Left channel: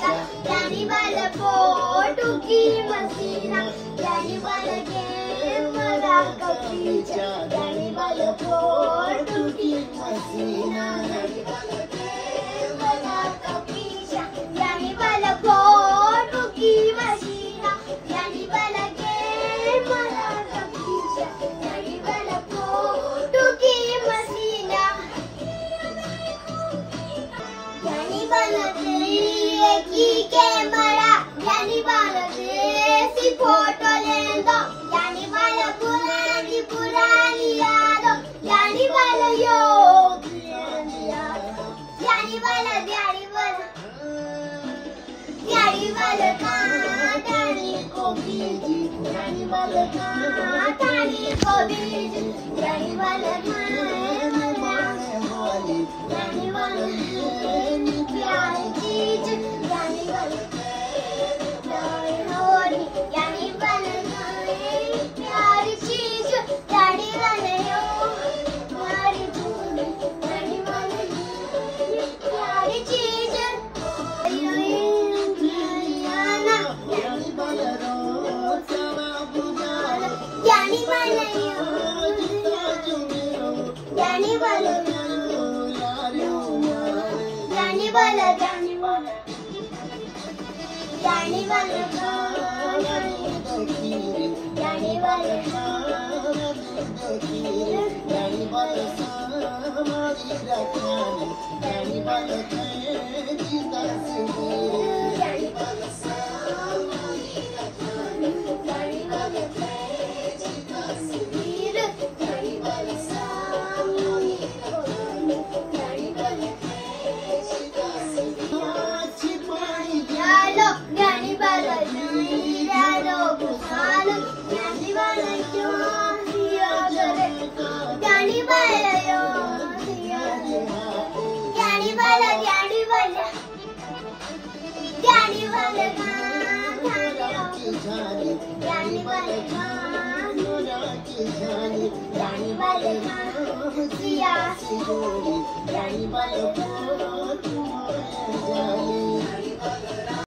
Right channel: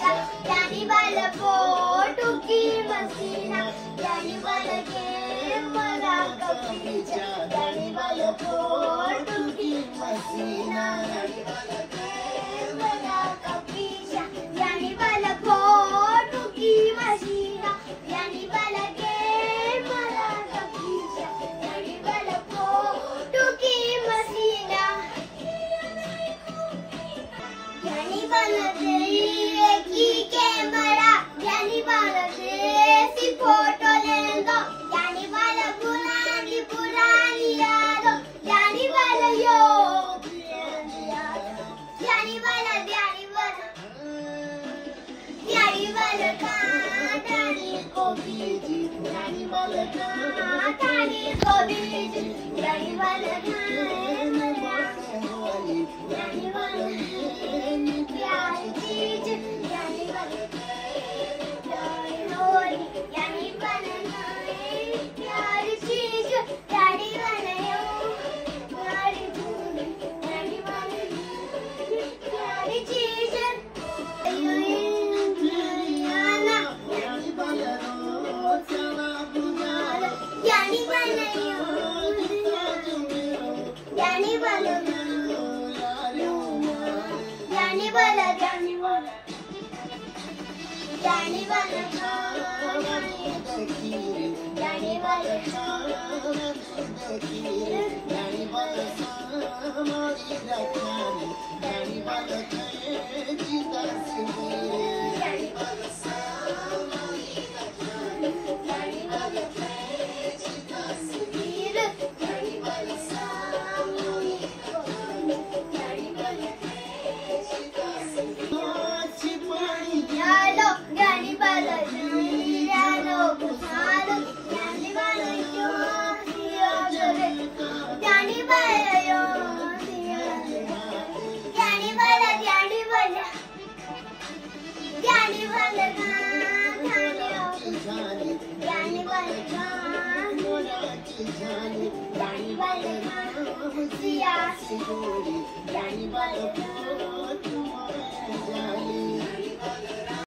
पीछा यानी वाला फोटो की मसीना यानी वाला कैमरा का पीछा यानी वाला फोटो की मसीना यानी वाला कैमरा का पीछा यानी वाला फोटो की मसीना यानी वाला कैमरा का पीछा यानी वाला फोटो की मसीना यानी वाला की कैमरा यानी वाला देसी फोटो लेंदो यानी वाला पुरानी पुरानी यादों यानी वाला यानी वाला कहानी को बीजी यानी वाला कहानी को बीजी यानी वाला यानी वाला प्यारी चीज यानी वाला यानी वाला प्यारी चीज यानी वाला प्यारी चीज यानी वाला प्यारी चीज यानी वाला यानी वाला यानी वाला यानी वाला यानी वाला यानी यानी वाला